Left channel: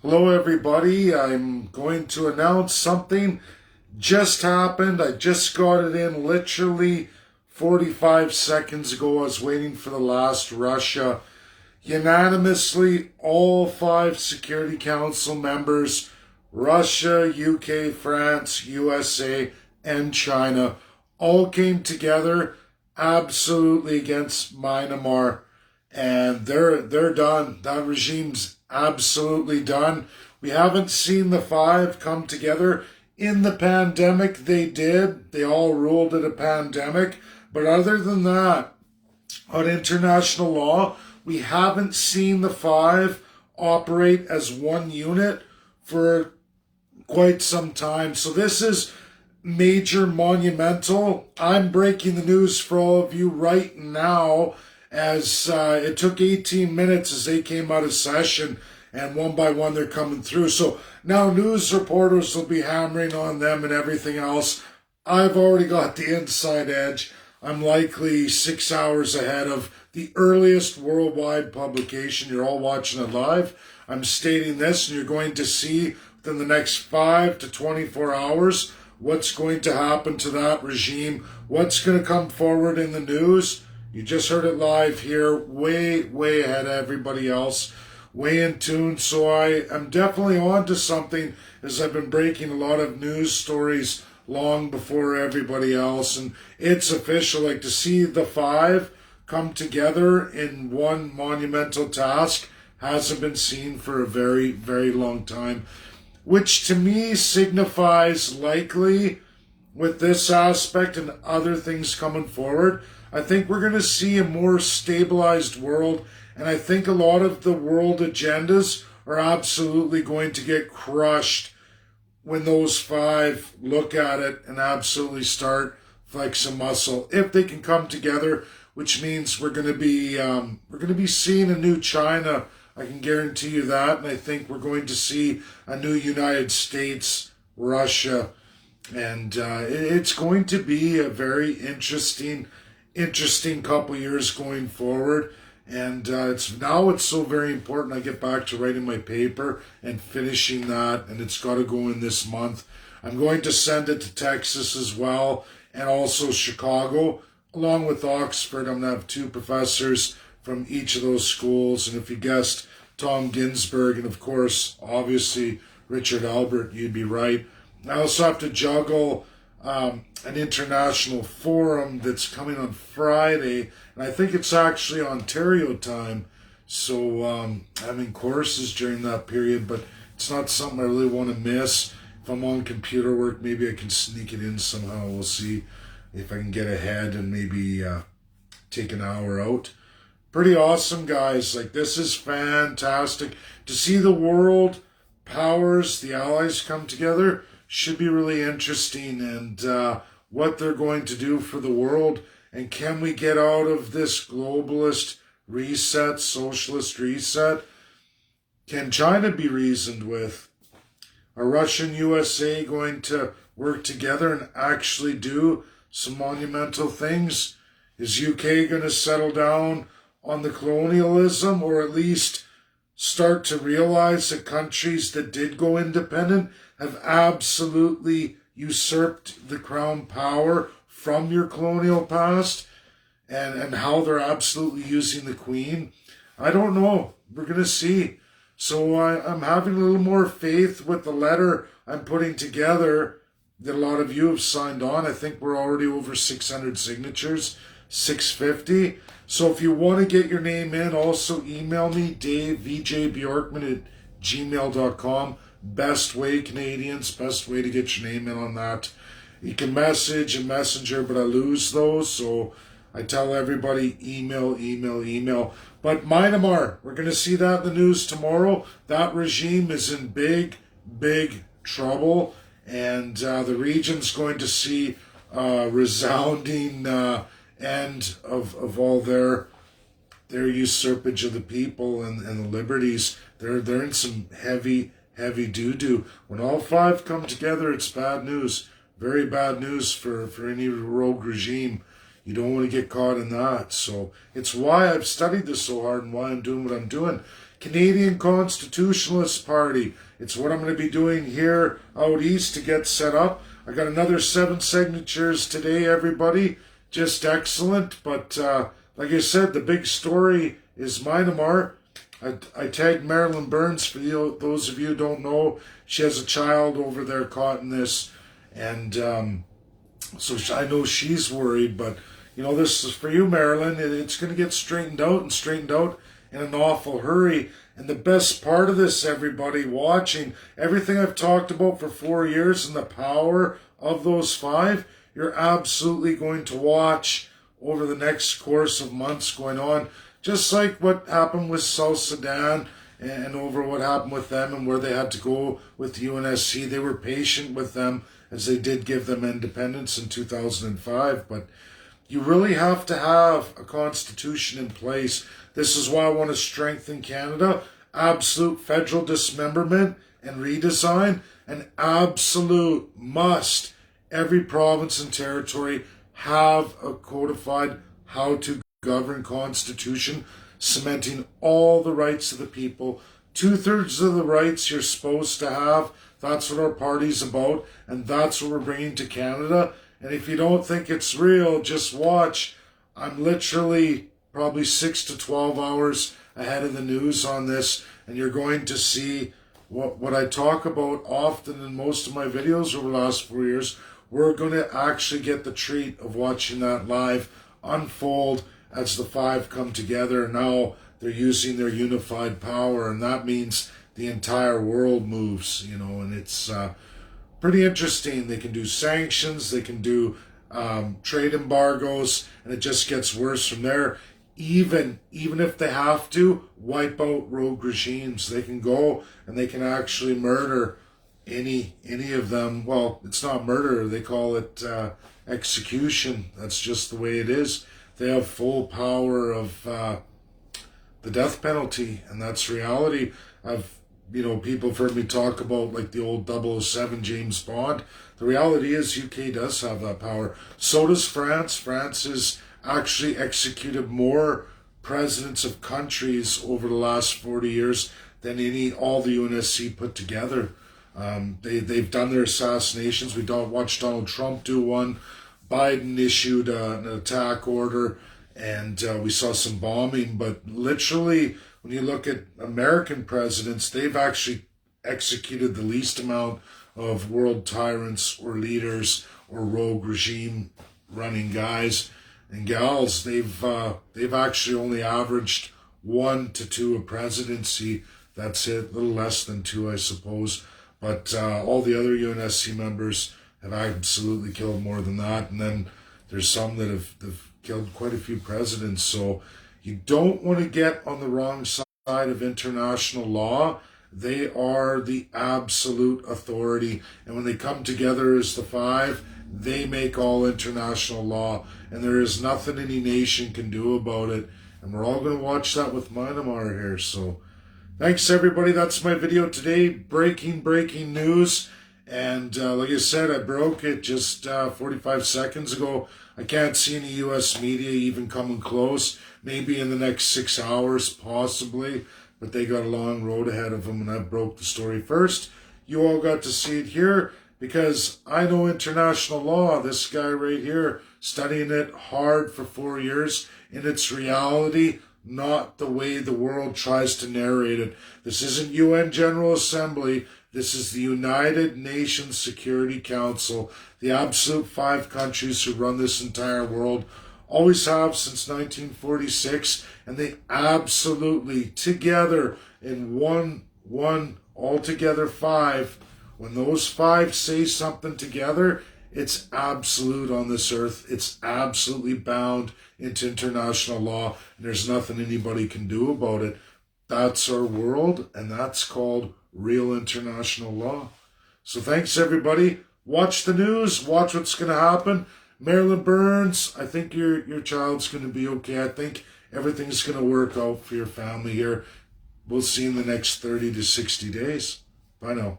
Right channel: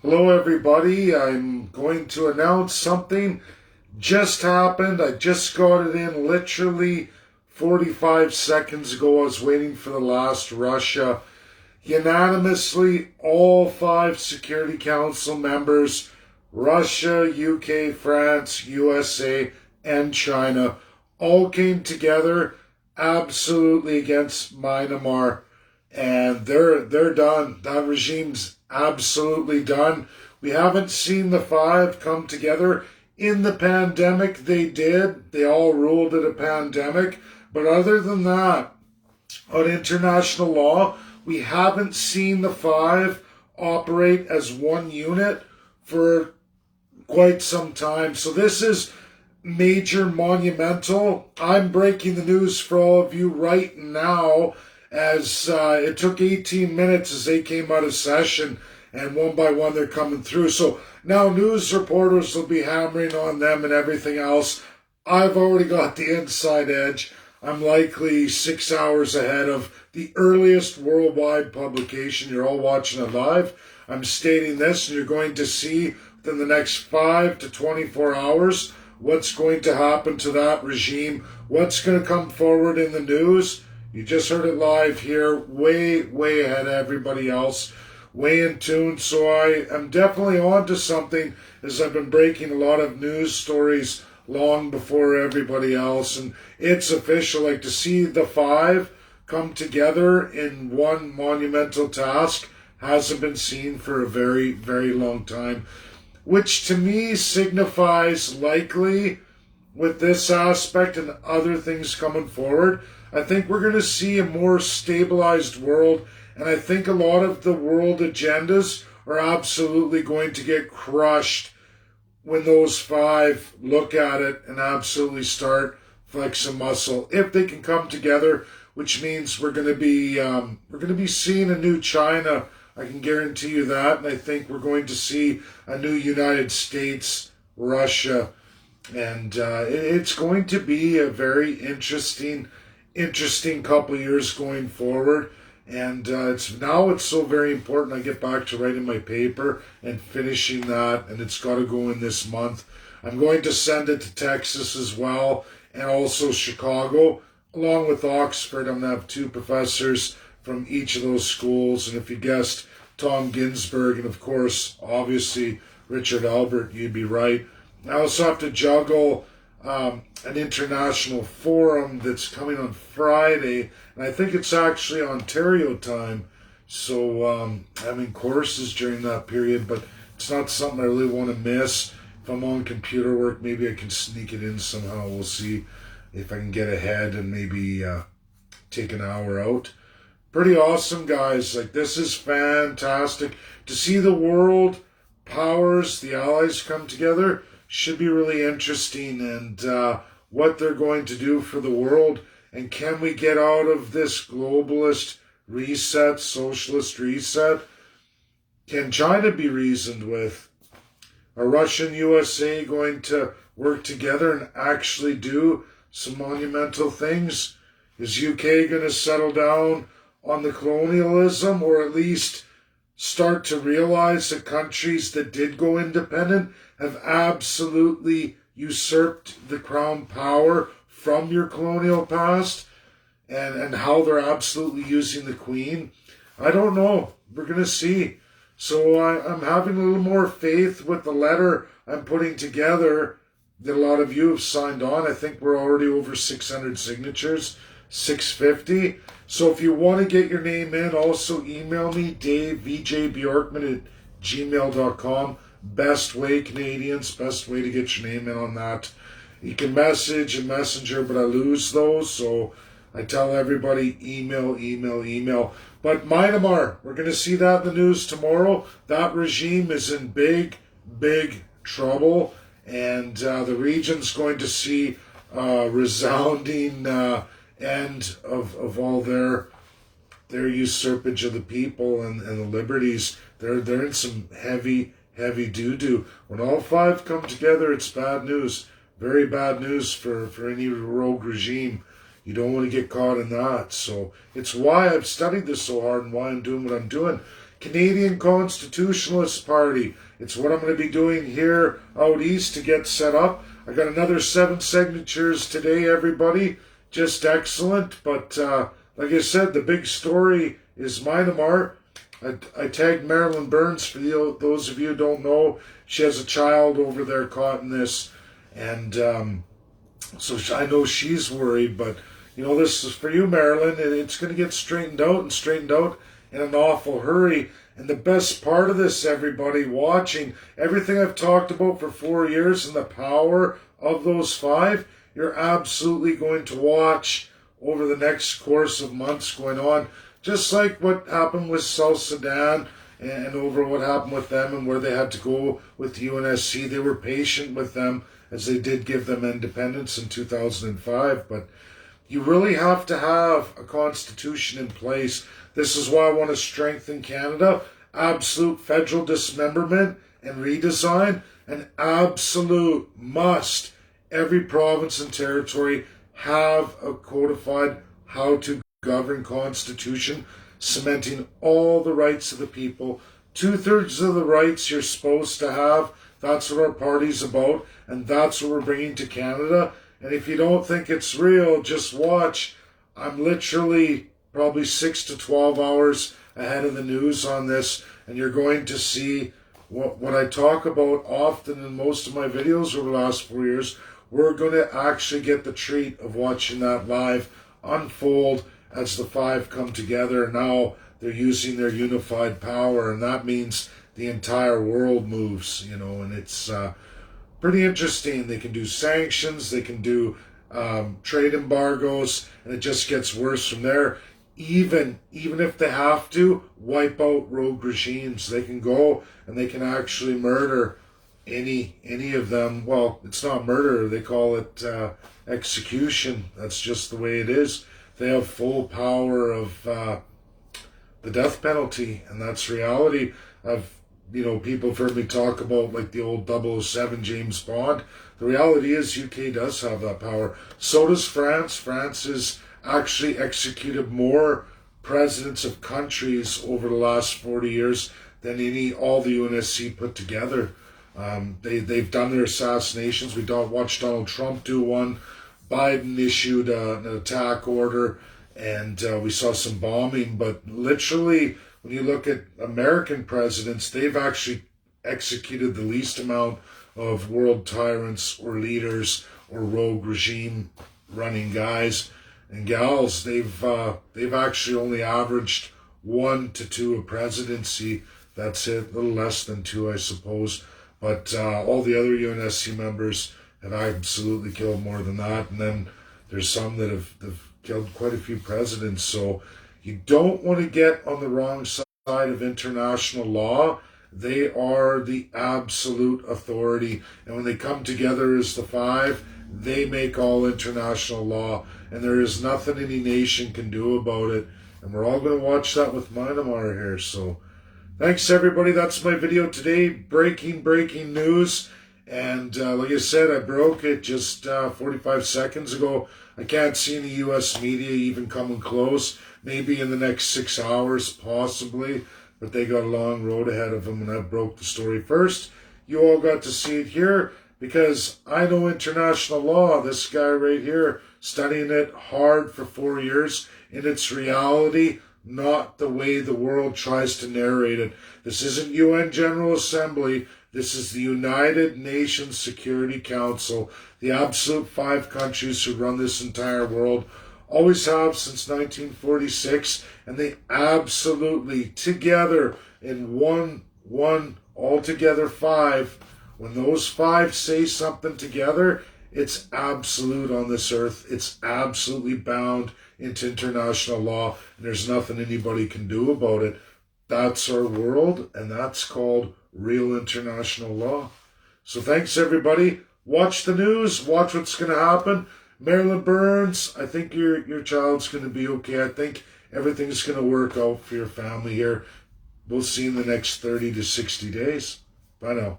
Hello, everybody. I'm going to announce something just happened. I just got it in literally 45 seconds ago. I was waiting for the last Russia. Unanimously, all 5 Security Council members, Russia, UK, France, USA, and China, all came together absolutely against Myanmar, and they're done. That regime's absolutely done. We haven't seen the 5 come together. In the pandemic, they did. They all ruled it a pandemic. But other than that, on international law, we haven't seen the 5 operate as one unit for quite some time. So this is major, monumental. I'm breaking the news for all of you right now, as it took 18 minutes as they came out of session, and one by one they're coming through. So now news reporters will be hammering on them and everything else. I've already got the inside edge. I'm likely 6 hours ahead of the earliest worldwide publication. You're all watching it live. I'm stating this, and you're going to see within the next 5 to 24 hours what's going to happen to that regime, what's going to come forward in the news. You just heard it live here, way ahead of everybody else, way in tune. So I am definitely on to something, as I've been breaking a lot of news stories long before everybody else. And it's official, like to see the 5 come together in one monumental task hasn't been seen for a very long time, which to me signifies likely with this aspect and other things coming forward, I think we're going to see a more stabilized world, and I think a lot of the world agendas are absolutely going to get crushed when those 5 look at it and absolutely start flexing muscle. If they can come together, which means we're going to be seeing a new China. I can guarantee you that, and I think we're going to see a new United States, Russia, and it's going to be a very interesting couple of years going forward. And it's so very important I get back to writing my paper and finishing that, and it's got to go in this month. I'm going to send it to Texas as well, and also Chicago, along with Oxford. I'm going to have 2 professors from each of those schools, and if you guessed Tom Ginsburg, and of course, obviously, Richard Albert, you'd be right. I also have to juggle an international forum that's coming on Friday, and I think it's actually Ontario time. So I'm in courses during that period, but it's not something I really want to miss. If I'm on computer work, maybe I can sneak it in somehow. We'll see if I can get ahead and maybe take an hour out. Pretty awesome, guys. Like, this is fantastic. To see the world powers, the allies come together, should be really interesting, and what they're going to do for the world. And can we get out of this globalist reset, socialist reset? Can China be reasoned with? Are Russia and USA going to work together and actually do some monumental things? Is UK going to settle down on the colonialism, or at least start to realize that countries that did go independent have absolutely usurped the crown power from your colonial past, and how they're absolutely using the Queen? I don't know. We're going to see. So I'm having a little more faith with the letter I'm putting together that a lot of you have signed on. I think we're already over 600 signatures, 650. So if you want to get your name in, also email me, davebjorkman@gmail.com. Best way, Canadians, best way to get your name in on that. You can message and messenger, but I lose those, so I tell everybody email. But Myanmar, we're going to see that in the news tomorrow. That regime is in big trouble, and the region's going to see resounding end of all their usurpage of the people and the liberties. They're in some heavy doo-doo. When all 5 come together, it's bad news. Very bad news for any rogue regime. You don't want to get caught in that. So it's why I've studied this so hard and why I'm doing what I'm doing. Canadian Constitutionalist Party. It's what I'm going to be doing here out east to get set up. I got another 7 signatures today, everybody. Just excellent. But like I said, the big story is Myanmar. I tagged Marilyn Burns for those of you who don't know. She has a child over there caught in this. And so I know she's worried. But, you know, this is for you, Marilyn. It's going to get straightened out in an awful hurry. And the best part of this, everybody watching, everything I've talked about for 4 years and the power of those 5, you're absolutely going to watch over the next course of months going on. Just like what happened with South Sudan and over what happened with them and where they had to go with the UNSC. They were patient with them as they did give them independence in 2005. But you really have to have a constitution in place. This is why I want to strengthen Canada. Absolute federal dismemberment and redesign. An absolute must. Every province and territory have a codified how to govern constitution, cementing all the rights of the people. 2/3 of the rights you're supposed to have. That's what our party's about. And that's what we're bringing to Canada. And if you don't think it's real, just watch. I'm literally probably 6 to 12 hours ahead of the news on this, and you're going to see what I talk about often in most of my videos over the last 4 years. We're going to actually get the treat of watching that live unfold as the 5 come together. Now they're using their unified power, and that means the entire world moves, you know, and it's pretty interesting. They can do sanctions, they can do trade embargoes, and it just gets worse from there. Even if they have to wipe out rogue regimes, they can go and they can actually murder any of them. Well, it's not murder, they call it execution. That's just the way it is. They have full power of the death penalty, and that's reality. People have heard me talk about like the old 007 James Bond. The reality is UK does have that power. So does France. France has actually executed more presidents of countries over the last 40 years than all the UNSC put together. They've done their assassinations. We watched Donald Trump do one. Biden issued an attack order, and we saw some bombing. But literally, when you look at American presidents, they've actually executed the least amount of world tyrants or leaders or rogue regime running guys and gals. They've actually only averaged 1 to 2 a presidency. That's it, a little less than 2, I suppose. But all the other UNSC members have absolutely killed more than that. And then there's some that have killed quite a few presidents. So you don't want to get on the wrong side of international law. They are the absolute authority. And when they come together as the 5, they make all international law. And there is nothing any nation can do about it. And we're all going to watch that with Myanmar here. So thanks, everybody. That's my video today. Breaking news. And like I said, I broke it just 45 seconds ago. I can't see any U.S. media even coming close. Maybe in the next 6 hours, possibly. But they got a long road ahead of them, and I broke the story first. You all got to see it here because I know international law. This guy right here, studying it hard for 4 years in its reality, not the way the world tries to narrate it. This isn't UN General Assembly. This is the United Nations Security Council, the absolute 5 countries who run this entire world, always have since 1946, and they absolutely, together in one altogether 5, when those 5 say something together, it's absolute on this earth. It's absolutely bound into international law, and there's nothing anybody can do about it. That's our world, and that's called real international law. So thanks, everybody. Watch the news. Watch what's going to happen. Marilyn Burns, I think your child's going to be okay. I think everything's going to work out for your family here. We'll see in the next 30 to 60 days. Bye now.